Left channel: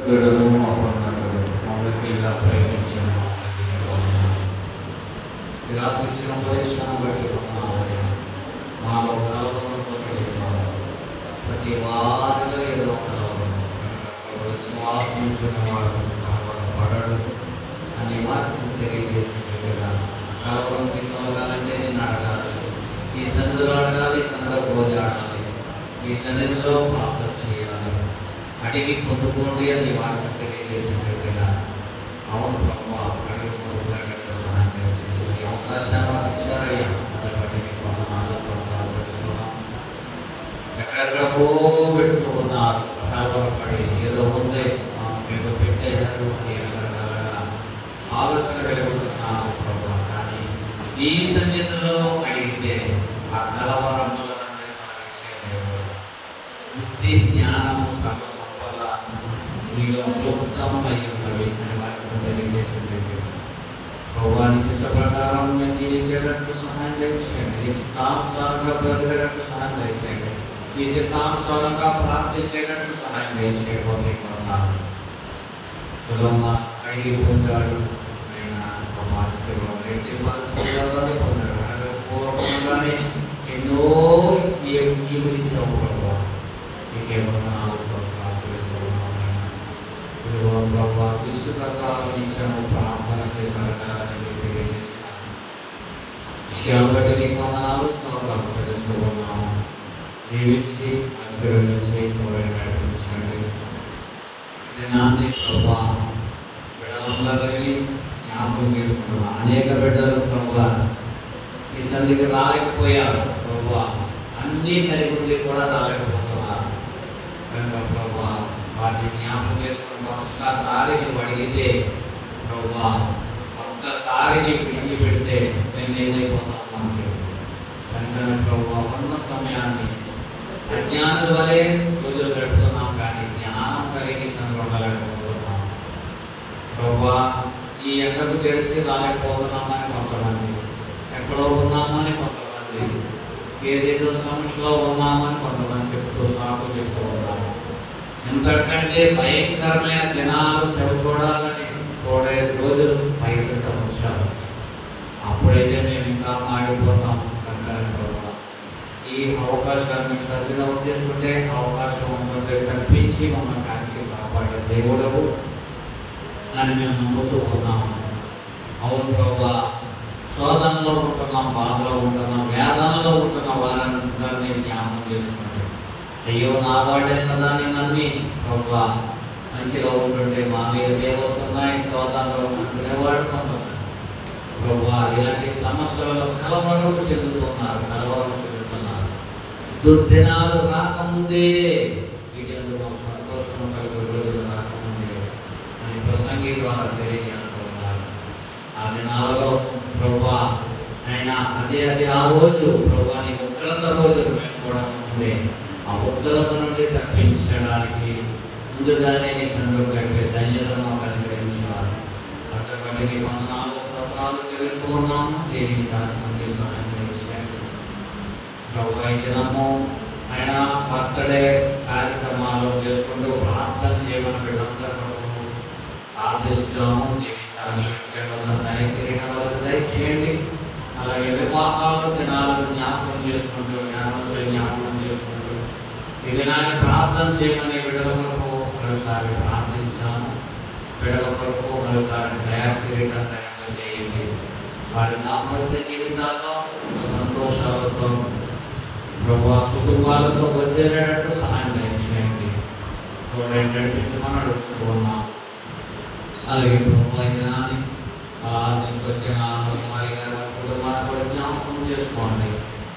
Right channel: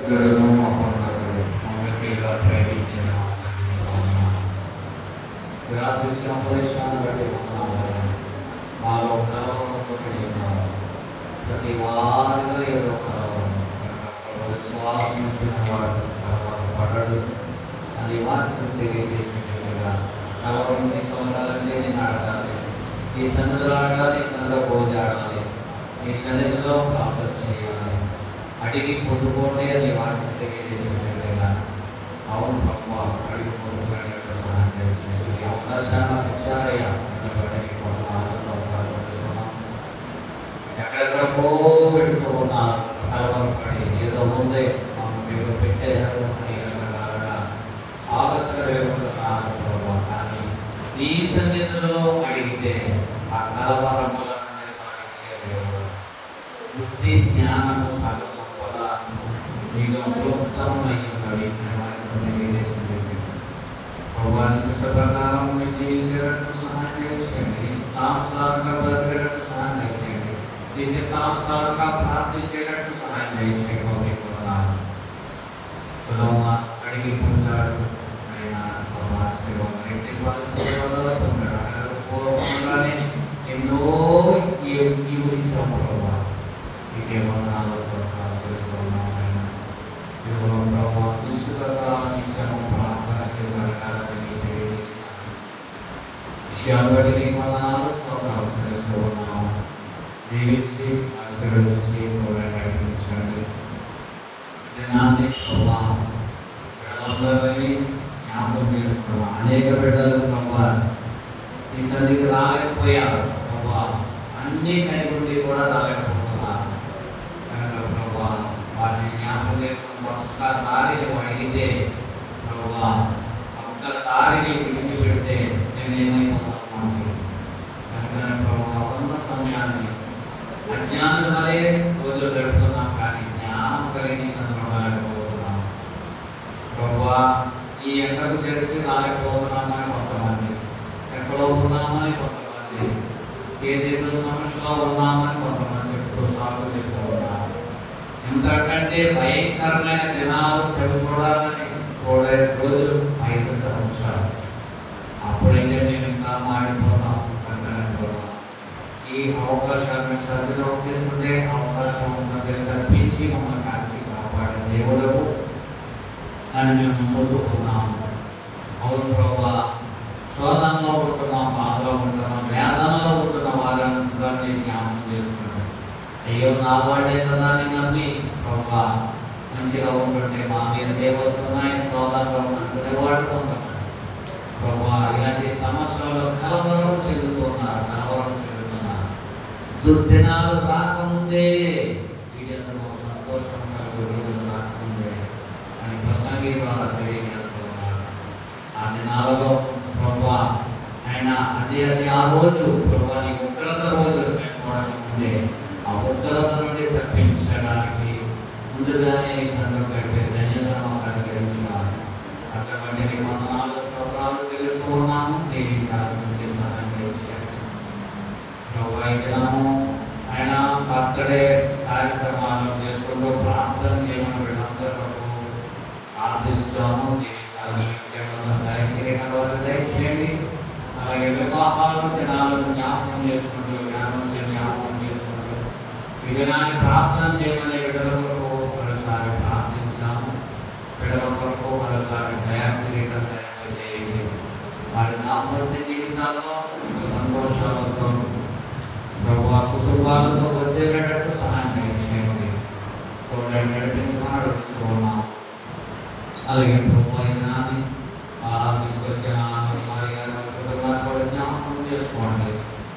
గడులు మా పండుగలు మమ్మల్ని ఇలా ప్రేమించిన రాత్రి ఇచ్చిన ఉపదేశాన్ని బట్టి మాలో కలవరంలో ప్రతి వారిలో ఏదో కలవరం విశ్వాసం వారు పడడు అని వాక్యం తెలియజేసినట్టుగా కలవరం తీసుకోవాలంటే నేను అడగాలి, ఈ సన్నిధిలో అడగాలి, ఈ సన్నిధిలో భోజ ఆడాలి, ఈ సన్నిధిలో ప్రార్థన చేయాలి, అడిగి పొందుకోండి అని వాక్యం తెలియజేసినట్టుగా అవును బ్రహ్మ అడిగి పొందుకున్నట్టు సహాయం చేసి అవకాశాలు ఇచ్చారయ్యా. ఎక్కడెక్కడికో పెట్టుకున్నారు, కలవరపడి ఏదో ముందే ఏదో పెట్టేశారు అని రకరకాలుగా ఆలోచన కలుగుతున్నాను ప్రభావ. కానీ ఈ సన్నిధిలో అడిగితే ఆ కలవరం బుద్ధి జ్ఞానము సర్వ సంపద మీలో ఉత్తమమై ఉన్నవి అని వారికి తెలియజేసింది. భగవాని చిత్త ప్రకారం మీరు జీవించేటట్టు సహాయం చేయండి, ఇష్టానుసారంగా బ్రతికేటట్టు సహాయం చేయండి, ఈ చిత్తానుసారంగా ప్రార్థించేటట్టు సహాయం చేయండి. అడిగి పొందాడు పొందాడు పూర్వకంగానే ఎన్నో జీవించాము ప్రభావ. ఇదేమన్నా తెలుసుకున్నామైనా ప్రభావ విసుకాలం ఇచ్చాము, ప్రార్థన చేసాలని తెలియజేస్తున్నాము. విషయాలు బట్టి నీకు స్తోత్రాలు తెలుసుకున్నాము. జీవించి ఆశీర్వదించి నడిపించండి. దినాన్ని ప్రభావ బిడ్డలందరినీ జ్ఞాపకం చేసుకుంటున్నాం. అనేక బిడ్డలు ప్రభావ ఈ సన్నిధికి రాలేకపోయారు ప్రభావ, అన్ని నైపుణ్యం కూడా రాలేకపోతున్నారు. ప్రభావ వారిని జ్ఞాపకం చేసుకుని ఒక్కసారి అడిగితే ప్రభావ ఒక్కసారి విడిచిపెడితే నేను ఏమైపోతాను అంటే ప్రభావ ఉన్న సమయాన్ని అజ్ఞానం వలె రోజులు గడుపుతున్నాం, కానీ జ్ఞానం కలిగి సందర్భాలేకపోతున్నాం ప్రభావ. ఈ ఎండకు తెలిసి రాలేకపోతున్నామని కొంతమంది, ఎక్కడో ఉన్నామని కొంతమంది, ఏదేదో సమస్యలో ఉన్నామని కొంతమంది చెప్తూ సాగు చెప్తూ ఉన్నారు. ఎందుకంటే భయంకరమైన దినాలు చూడాలని చూడే రోజులు బయట ఉంచారు. అప్పుడైతే మేము ఇంకా మాడిపోతాం. ఈ అవకాశాన్ని శ్రద్ధగా చేసుకుంటే అవకాశం ఉన్నది కల్పించి మమ్మల్ని కాచి కాపాడే దేవుడకు అని మేము నమ్ముతున్నాము. అవును ప్రభావ, శోధనలో ఉంటున్నాం, బాధలో ఉంటున్నాం, వేదనలో ఉంటున్న వారందరినీ జ్ఞాపకం చేసుకుంటాం. అయ్యో నా వాడే కదా అని నమ్మి ప్రభావ మంచిగా ఉంటుంటే మా మీద ఏమవుతున్నాయి శోధనలో ఉంటునేవాడు కొంతమంది ప్రభావ ఇలాంటి సమస్యలు కలవరం చెందుతున్నారు. దుర్దినాలు రాకముందే వీళ్ళందరూ సంతోషం కలిగి రోజులు రాకముందే అని ప్రసంగి ద్వారా తెలియజేస్తున్నారు. ఆ దినాలలో ప్రభా ఆయన అదే ఆ రోజు ప్రభా నీ ఉగ్రత రోజు చూడకముందే ఆ ఉగ్రత నుండి తప్పించడానికి ముందుగానే ఈ సందర్భంగా ధన్యతను అనుగ్రహించారు. అటువంటి వందనాలు స్తోత్రాలు తెలుసుకున్నాము. దేనికి సహాయం చేశారు ప్రభావితము. ఆయన బర్త్డే కార్యక్రమాలు చేసుకుంటూ ప్రార్థన చేయమని వీళ్ళందరూ ప్రార్థిస్తాము. దయచేయండి. అలాగే వివాహాలు దినాలను జ్ఞాపకం చేసుకుంటూ జ్ఞాపకం చేసుకుంటూ ఈ దినాన్ని ప్రార్థన చేయమని విడుదల కొరకు మరోసారి ప్రార్థించాము. విడుదల కొరకు మరోసారి దయాకిరీటం చేయండి. వారి దాంపత్య జీవితాల్లో సంతోషాలతో ప్రభావ కుటుంబాలతో వదిలేటట్టు సహాయం చేయండి. తోడైన నడిపించమని అడుగుతున్నాం. అలాగే ప్రభావ దినాన్ని తీసుకొచ్చిన కుటుంబాన్ని కూడా జ్ఞాపకం చేసుకోండి.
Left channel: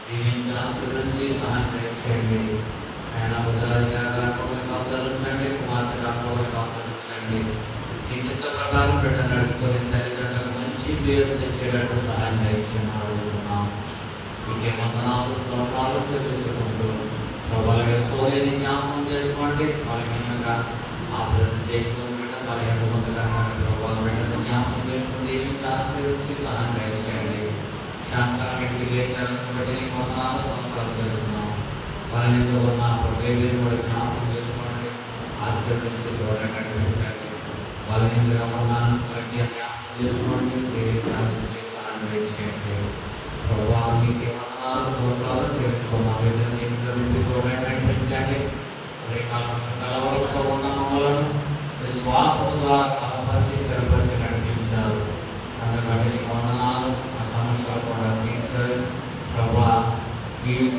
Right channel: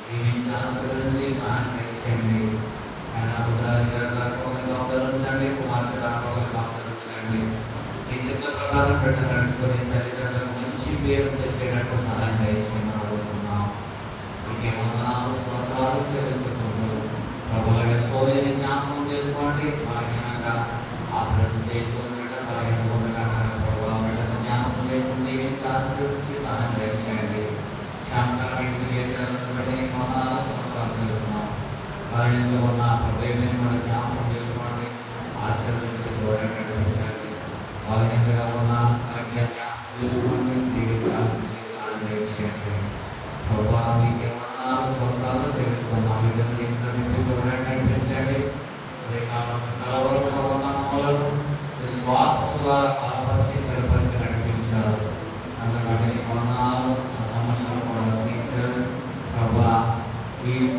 దీనికి ఆశీర్వదించి సహాయం చేయండి. ఆయన ఉదాహరణగా అవతరించండి, కుమార్తె రాష్ట్రాలకు అవతరించండి. ఈ చిత్ర ప్రకారం పెట్ట నడుచుకొని తల్లిదండ్రులకు మంచి పేరు తెచ్చేటట్టు సహాయం చేయండి అడుగుతున్నాం. ఇంకేమన్నాలు స్తోత్రాలు తెలుసుకుంటూ ప్రభావ సోలేని జ్ఞాపకం చేసుకోండి. భాగ్యంగా ఆపరేషన్ చేసుకుని ప్రభావ బిడ్డలు జ్ఞాపకం చేసుకుంటే ఆశీర్వదించి సహాయం చేయండి. శాంతానికి బట్టి మనాలు స్తోత్రాలు తెలుస్తున్నాం. భయంలో ఉన్న ప్రతి కూడా జ్ఞాపకం చేసుకోండి, ఆశీర్వదించి దూరంగా బలహీనంగా ఉన్నాను వాటిని జ్ఞాపకం చేసుకోండి జీవితాలు జీవితాలను దయచేయండి ప్రభా మీకు ఏమన్నాలు సొంతాలు తెలుసుకున్నాం నుండి కూడా కనిపించండి కలవరంలో ఉన్న మమ్మలను విశ్వాసం ద్వారా కాపాడి స్థిరపరిచి నడిపించారు అందుకని వందనాలు ఆ సమస్యలు కూడా తీర్చారు ప్రభా నీవు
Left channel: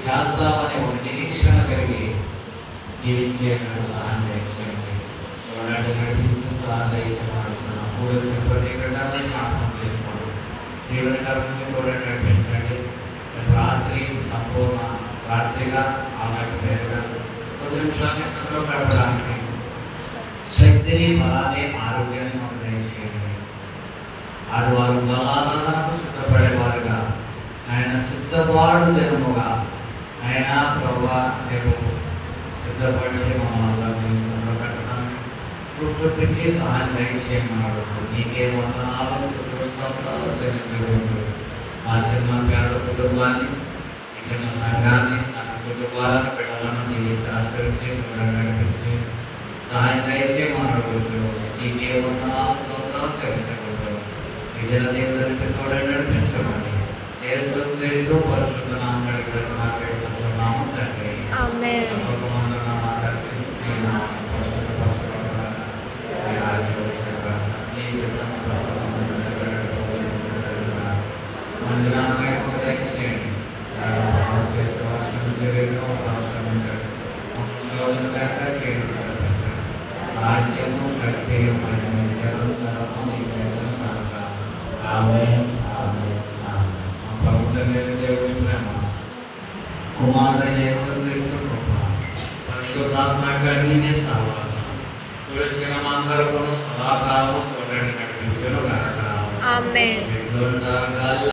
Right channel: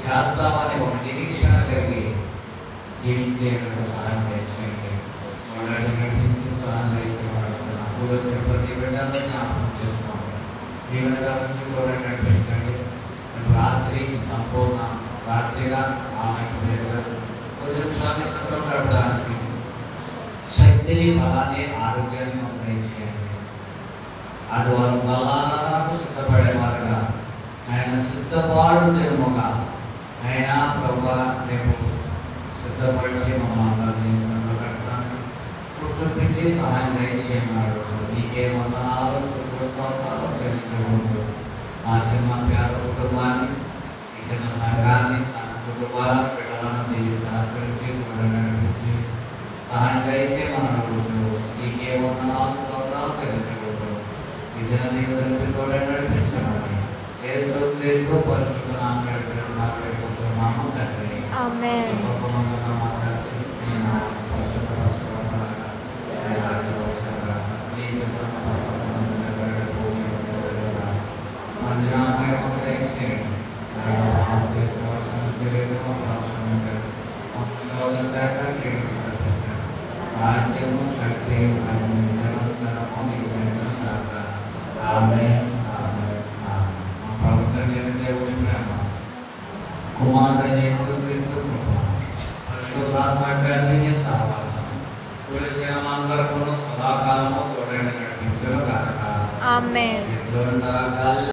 చేస్తామని ఒక నిరీక్షణ కలిగి జీవించే సహాయం చేయండి వాళ్ళని నడిపించి సహాయం చేస్తున్నాం కూడా తిరుపతి పెట్టాలని జ్ఞాపకం చేసుకోండి జీవనకాలం కూడా నడిపించండి రాత్రి సంపూర్ణ రాత్రిగా ఆమెకు వేరుగా కొద్ది నిమిషాన్ని సంతో గడపడానికి శక్తిని బలాన్ని ఆరోగ్యాన్ని మనం దయచేయండి అది వారు బలాలను సిద్ధపడేవారుగా ఆయన సిద్ధపాటు దినముగా ఆయన ప్రభా రేపు సిద్ధపడిచి మమ్మల్ని సంతో కట్టడానికి చూపించి సహాయం దయచేయమన్నాడు నీకే వందనాలు చెల్లించకూడదు మా చిన్న పేద కుటుంబాన్ని ఈ చిన్న సంఘాన్ని తన కుటుంబాలను బిడ్డలను దీవించి ఆశ్రయించి నడిపించి సహాయం దయచేయమన్నాడు నీకే వందనాలు చెల్లించకూడదు ఈ దిన దేవుడికి కూడా నడిపించమని యేసు క్రీస్తు పరిశుద్ధ నామములో మాట్లాడుకుంటున్నాము తండ్రి ఆమేన్. కుమారుడైన యేసుక్రీస్తు కృప పరిశుద్ధాత్మ కలిగిన సహవాసం పురుషులమందరకును సదాకాలము తోడని నడిపించును గాక ఆమేన్.